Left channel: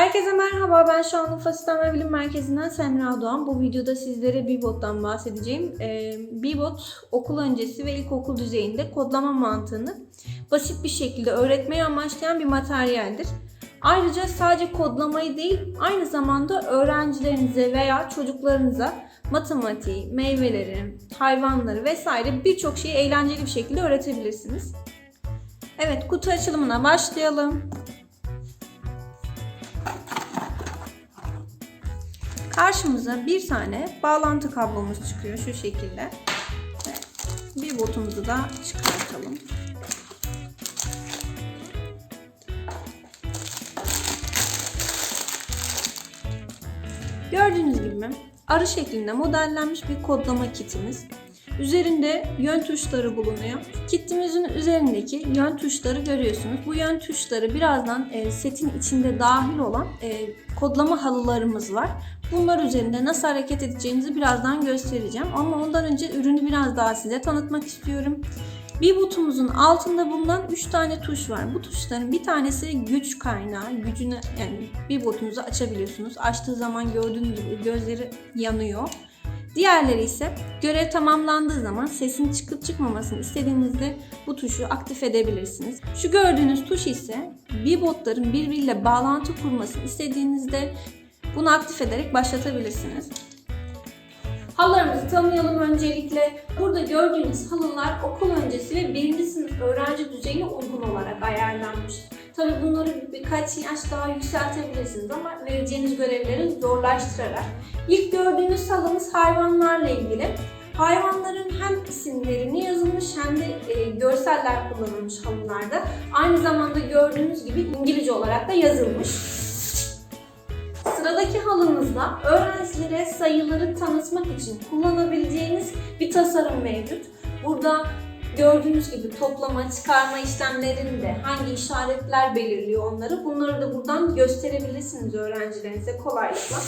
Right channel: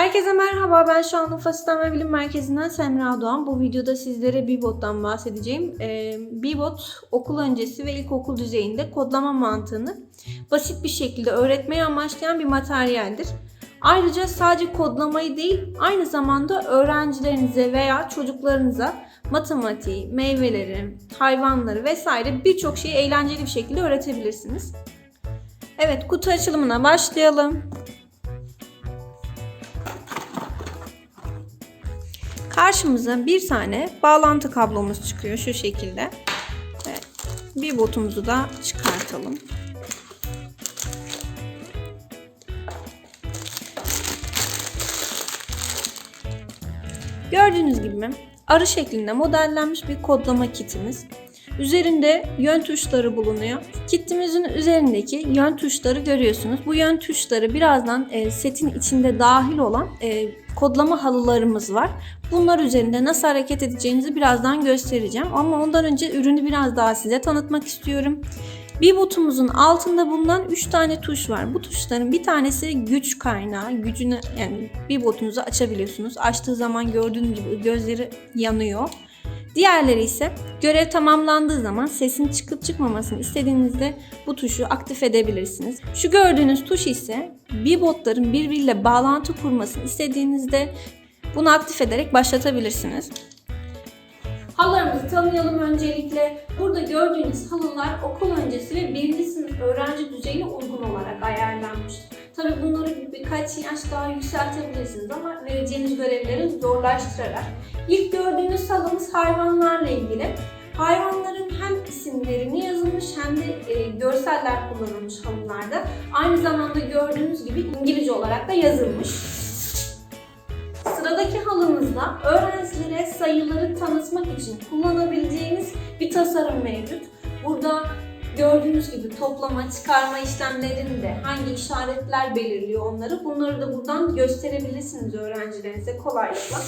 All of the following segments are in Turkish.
Herkese merhaba, ben Şanlıurfa Sistem ve Bilim Merkezi'nden Semra Doğan. Bu videoda sizlere Bibot'tan bahsedeceğim. Ee, Bibot, okul öncesi ve ilkokul düzeyinde kodlama mantığını basit bir şekilde öğretmeyi amaçlayan bir materyaldir. Ayrıca sadece kodlamayı değil, aynı zamanda öğrencilerinize veya çocuklarınıza matematiği, meyveleri, hayvanları vesaire birçok şeyi eğlenceli bir şekilde öğretebilirsiniz. Evet, kutu açılımına başlayalım. Karşımıza bir tane bağlantı kablomuz çıkıyor şu şekilde. Bir botumuzu da çıkartalım. Gördüğünüz gibi arı şeklinde modellenmiş bir kodlama kitimiz. Üzerinde yön tuşları bulunuyor. Kitimizin üzerindeki yön tuşları görüyorsunuz. Bu yön tuşları birazdan e, setin içinde dahil olan e, kodlama halılarımız var. Bunlar üzerinde nasıl hareket edeceğinizi birazdan göstereceğim. Ama ondan önce ürünü biraz daha size tanıtmak istiyorum. Bir botumuzun altında bulunan 3 tane tuş var. Bu tuşların bir tanesi güç kaynağı. Gücünü yani bir botunuzu açabiliyorsunuz. Açtığı zaman gördüğünüz gibi gözleri yanıyor. Diğerleri ise görev tamamlandığı zaman sesin çıkıp çıkmamasını istediğinizde bu tuşu aktif edebilirsiniz. Şu gördüğünüz tuş ise bir botların birbiriyle bağlantı kurmasını istediğinizde bunu aktif ederek başlatabilirsiniz. Halılarımızı tanıyalım öncelikle. Burada gördüğünüz halılar okul öncesi ve birinci sınıf öğrenci düzeyine uygun olarak ayarlanmış. Tabi bunları birkaç yaş daha yükseltebilirsiniz ama vereceğiniz görevleri zorlaştırarak. İlk gördüğünüz halımız hayvanlarla ilgili. Hayvanların hem isimlerini yazılmış hem de e, görseller kullanılmış halılarda. Aynı zamanda gördüğünüz gibi İngilizce olarak da yazılmış. Sıradaki halımızda öğrencilere sayıları tanıtmak için kullanabileceğiniz bir tasarım mevcut. Burada gördüğünüz gibi toplama, çıkarma işlemlerinde hangi işaretler belirliyor onları bunları da buradan gösterebilirsiniz öğrencilerinize kolaylıkla.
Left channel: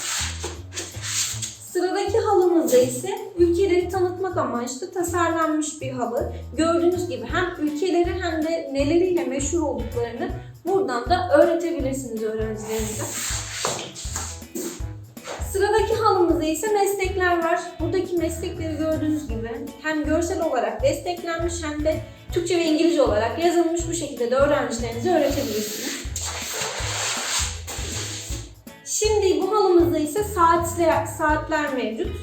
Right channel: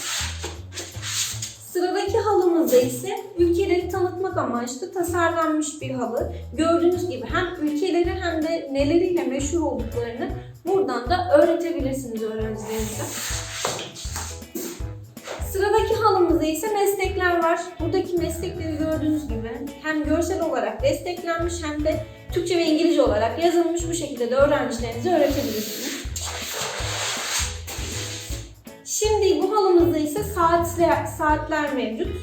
Sıradaki halımızda ise ülkeleri tanıtmak amaçlı tasarlanmış bir halı. Gördüğünüz gibi hem ülkeleri hem de neleriyle meşhur olduklarını buradan da öğretebilirsiniz öğrencilerinize. Sıradaki halımızda ise meslekler var. Buradaki meslekleri gördüğünüz gibi hem görsel olarak desteklenmiş hem de Türkçe ve İngilizce olarak yazılmış bu şekilde de öğrencilerinize öğretebilirsiniz. Şimdi bu halımızda ise saatler, saatler mevcut.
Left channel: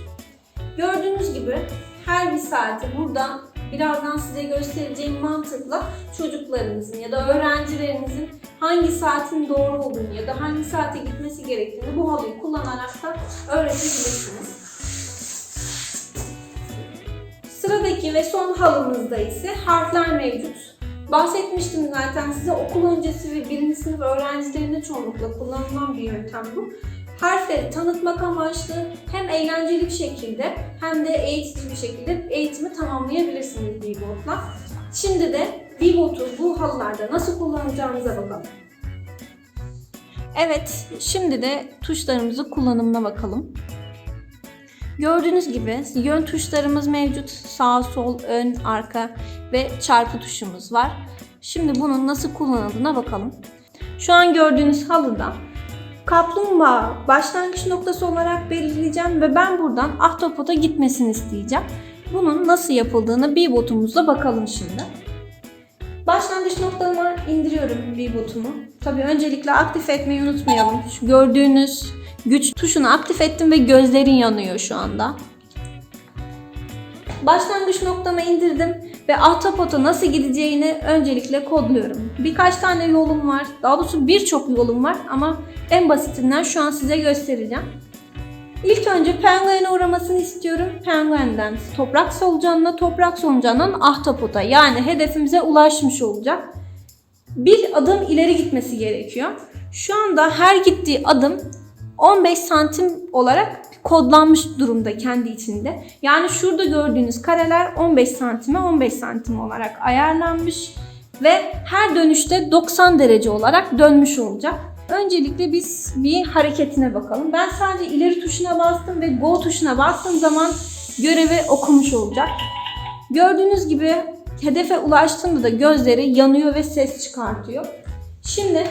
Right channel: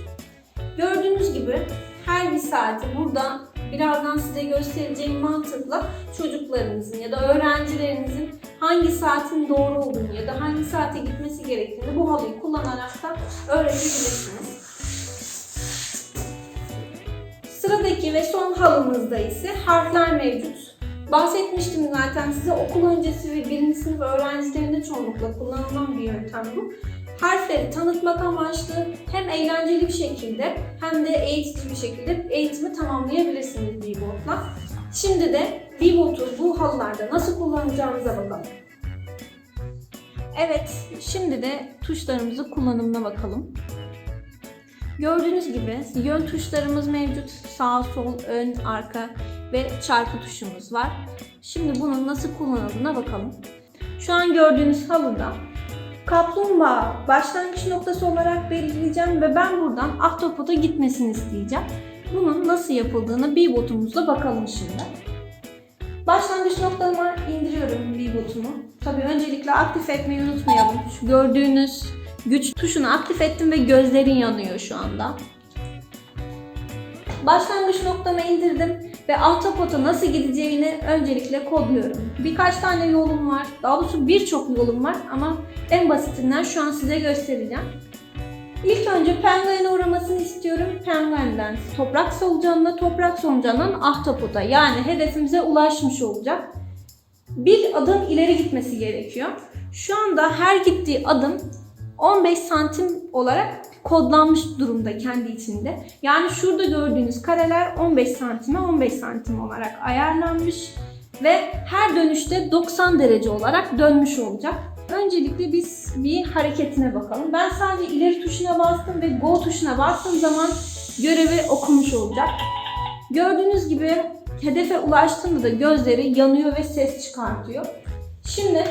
Gördüğünüz gibi her bir saati burada birazdan size göstereceğim mantıkla çocuklarınızın ya da öğrencilerinizin hangi saatin doğru olduğunu ya da hangi saate gitmesi gerektiğini bu halıyı kullanarak da öğretebilirsiniz. Sıradaki ve son halımızda ise harfler mevcut. Bahsetmiştim zaten size okul öncesi ve birinci sınıf öğrencilerinde çoğunlukla kullanılan bir yöntem bu. Harfleri tanıtmak amaçlı hem eğlenceli bir şekilde hem de eğitici bir şekilde eğitimi tamamlayabilirsiniz Bebot'la. Şimdi de Bebot'u bu halılarda nasıl kullanacağınıza bakalım. Evet, şimdi de tuşlarımızı kullanımına bakalım. Gördüğünüz gibi yön tuşlarımız mevcut. Sağ, sol, ön, arka ve çarpı tuşumuz var. Şimdi bunun nasıl kullanıldığına bakalım. Şu an gördüğünüz halıda kaplumbağa başlangıç noktası olarak belirleyeceğim ve ben buradan ahtapota gitmesini isteyeceğim. Bunun nasıl yapıldığını bir botumuzla bakalım şimdi. Başlangıç noktama indiriyorum bir botumu. Tabii öncelikle aktif etmeyi unutmayalım. Şu gördüğünüz güç tuşunu aktif ettim ve gözlerin yanıyor şu anda. Başlangıç noktama indirdim ve ahtapota nasıl gideceğini öncelikle kodluyorum. Birkaç tane yolum var. Daha doğrusu birçok yolum var ama en basitinden şu an size göstereceğim. İlk önce penguene uğramasını istiyorum. Penguenden toprak solucanına, toprak solucanından ahtapota yani hedefimize ulaşmış olacak. Bir adım ileri gitmesi gerekiyor. Şu anda her gittiği adım 15 santim olarak kodlanmış durumda kendi içinde. Yani şurada gördüğünüz kareler 15 santime 15 santim olarak ayarlanmış ve her dönüşte 90 derece olarak dönmüş olacak. Öncelikle biz bir hareketine bakalım. Ben sadece ileri tuşuna bastım ve go tuşuna bastığım zaman görevi okumuş olacak. Gördüğünüz gibi hedefe ulaştığında da gözleri yanıyor ve ses çıkartıyor. Şimdi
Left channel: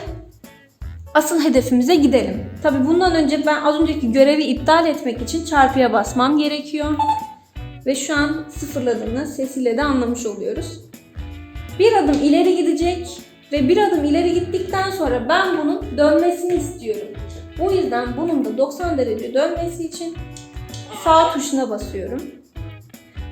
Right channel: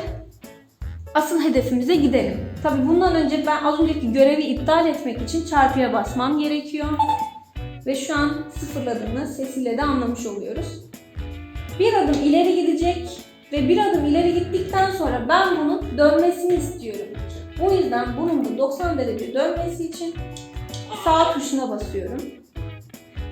asıl hedefimize gidelim. Tabii bundan önce ben az önceki görevi iptal etmek için çarpıya basmam gerekiyor. Ve şu an sıfırladığını sesiyle de anlamış oluyoruz. Bir adım ileri gidecek ve bir adım ileri gittikten sonra ben bunun dönmesini istiyorum. O yüzden bunun da 90 derece dönmesi için sağ tuşuna basıyorum.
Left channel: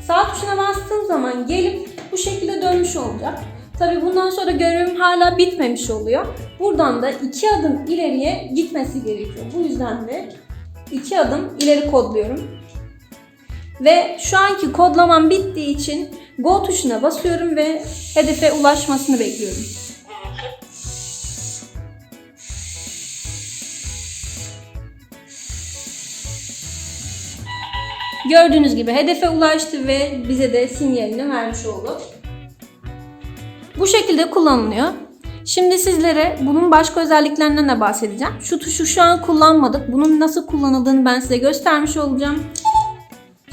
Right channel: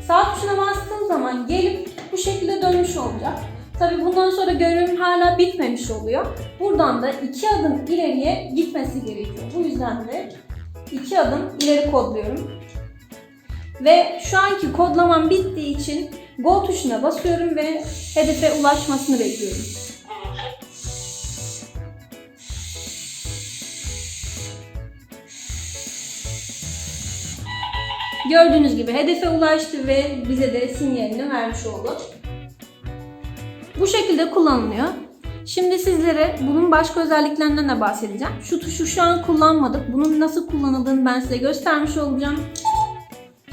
Sağ tuşuna bastığım zaman gelip bu şekilde dönmüş olacak. Tabii bundan sonra görevim hala bitmemiş oluyor. Buradan da iki adım ileriye gitmesi gerekiyor. Bu yüzden de iki adım ileri kodluyorum. Ve şu anki kodlamam bittiği için Go tuşuna basıyorum ve hedefe ulaşmasını bekliyorum. Gördüğünüz gibi hedefe ulaştı ve bize de sinyalini vermiş oldu. Bu şekilde kullanılıyor. Şimdi sizlere bunun başka özelliklerinden de bahsedeceğim. Şu tuşu şu an kullanmadık. Bunun nasıl kullanıldığını ben size göstermiş olacağım.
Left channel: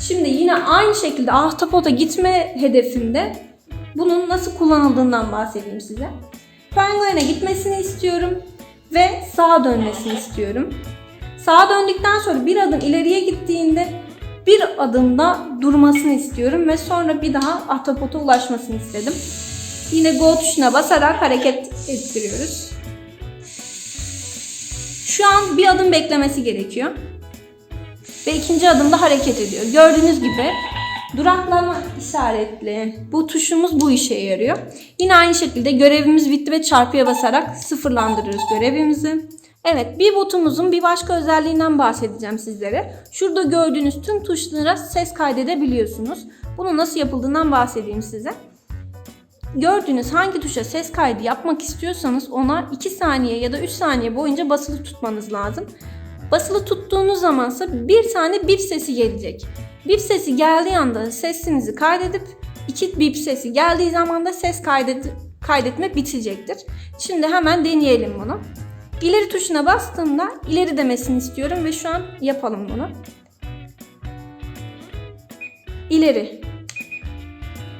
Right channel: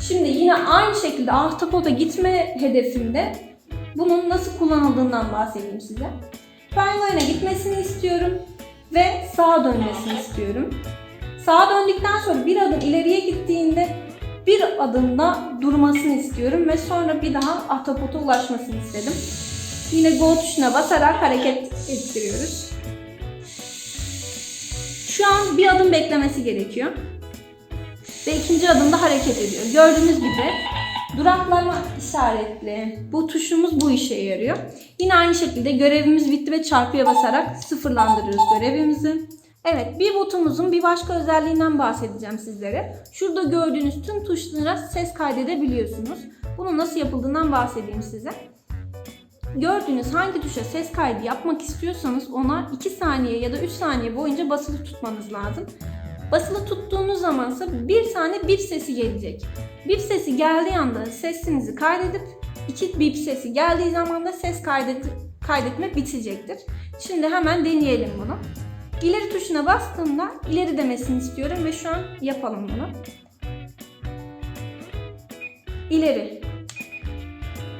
Şimdi yine aynı şekilde ahtapota gitme hedefimde bunun nasıl kullanıldığından bahsedeyim size. Penguen'e gitmesini istiyorum ve sağa dönmesini istiyorum. Sağa döndükten sonra bir adım ileriye gittiğinde bir adımda durmasını istiyorum ve sonra bir daha ahtapota ulaşmasını istedim. Yine Go tuşuna basarak hareket ettiriyoruz. Şu an bir adım beklemesi gerekiyor. Ve ikinci adımda hareket ediyor. Gördüğünüz gibi duraklama işaretli. Bu tuşumuz bu işe yarıyor. Yine aynı şekilde görevimiz bitti ve çarpıya basarak sıfırlandırıyoruz görevimizi. Evet, bir botumuzun bir başka özelliğinden bahsedeceğim sizlere. Şurada gördüğünüz tüm tuşlara ses kaydedebiliyorsunuz. Bunu nasıl yapıldığından bahsedeyim size. Gördüğünüz hangi tuşa ses kaydı yapmak istiyorsanız ona 2 saniye ya da 3 saniye boyunca basılı tutmanız lazım. Basılı tuttuğunuz zamansa bir tane bip sesi gelecek. Bip sesi geldiği anda sesinizi kaydedip iki bip sesi geldiği zaman da ses kaydet kaydetme bitecektir. Şimdi hemen deneyelim bunu. İleri tuşuna bastığımda ileri demesini istiyorum ve şu an yapalım bunu. İleri.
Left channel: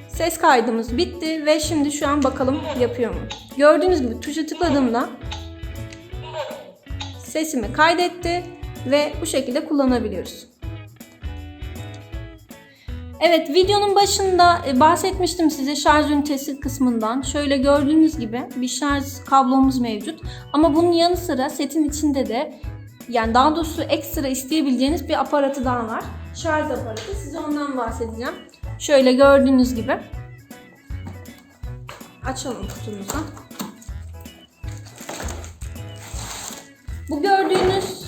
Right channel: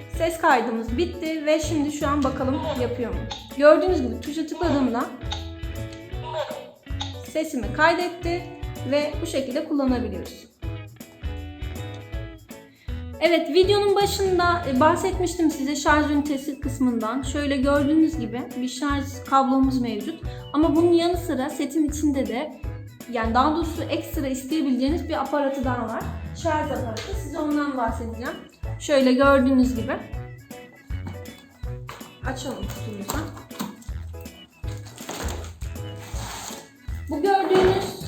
Ses kaydımız bitti ve şimdi şu an bakalım yapıyor mu? Gördüğünüz gibi tuşa tıkladığımda sesimi kaydetti ve bu şekilde kullanabiliyoruz. Evet videonun başında e, bahsetmiştim size şarj ünitesi kısmından. Şöyle gördüğünüz gibi bir şarj kablomuz mevcut. Ama bunun yanı sıra setin içinde de yani daha doğrusu ekstra isteyebileceğiniz bir aparatı daha var. Şarj aparatı. Size ondan bahsedeceğim. Şöyle gördüğünüz gibi. Açalım kutumuzu. Bu gördüğünüz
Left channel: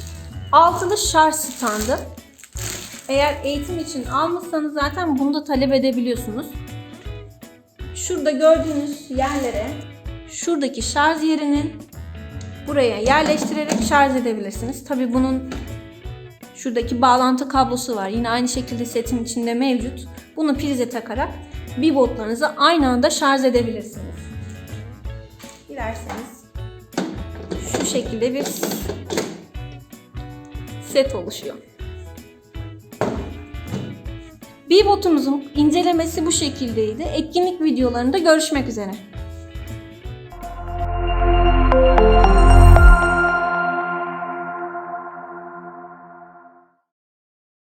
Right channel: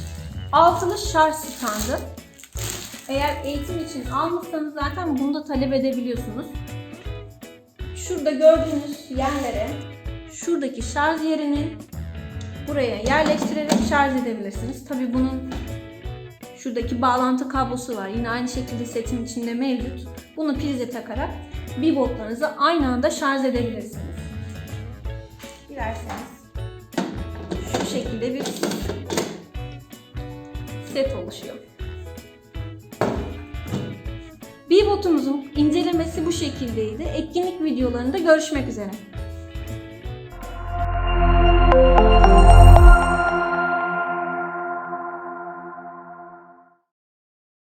altılı şarj standı. Eğer eğitim için almışsanız zaten bunu da talep edebiliyorsunuz. Şurada gördüğünüz yerlere şuradaki şarj yerini buraya yerleştirerek şarj edebilirsiniz. Tabi bunun şuradaki bağlantı kablosu var. Yine aynı şekilde setin içinde mevcut. Bunu prize takarak bir botlarınızı aynı anda şarj edebilirsiniz. Dilerseniz şu şekilde bir set oluşuyor. Bbotumuzun incelemesi bu şekildeydi. Etkinlik videolarında görüşmek üzere.